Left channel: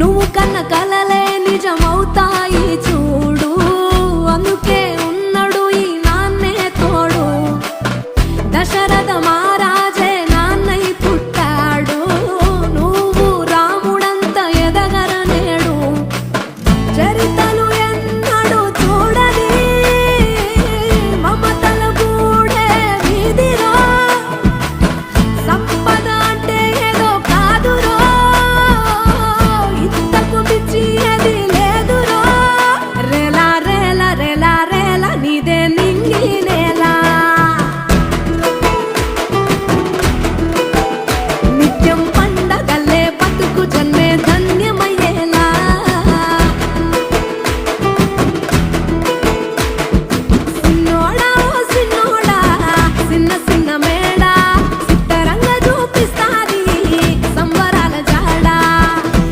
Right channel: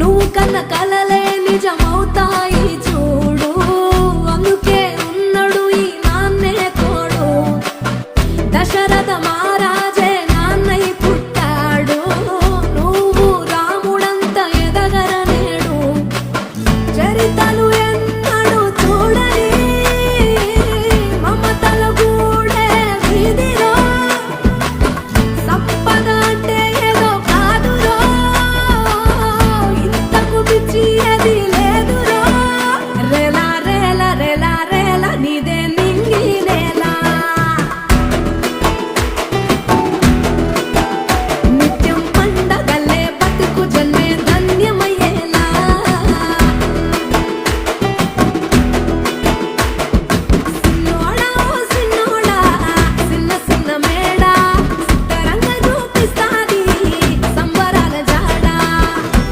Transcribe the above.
నువ్వు కన్న కలలే నిజమవుతాయి చూడు, అందుకే ఉన్నాడు ఈ నాన్నే తోడు. దశరథ మహారాజే నాన్నై పుట్టాడు, నువ్వు రాముడంత ఎదగరనేడు. చరితలు ఎన్నడు చూడని మమతల గూడే వీధిరో, సంపద అంటే ఏదో కాదురో, ఇంతకు మించి అది లేదురో. రేలా రేలా రేలా రేలా నీదే నింగి నేలా, నిత్యం పండగల్లే బతుకు జన్మే ధన్యమయ్య.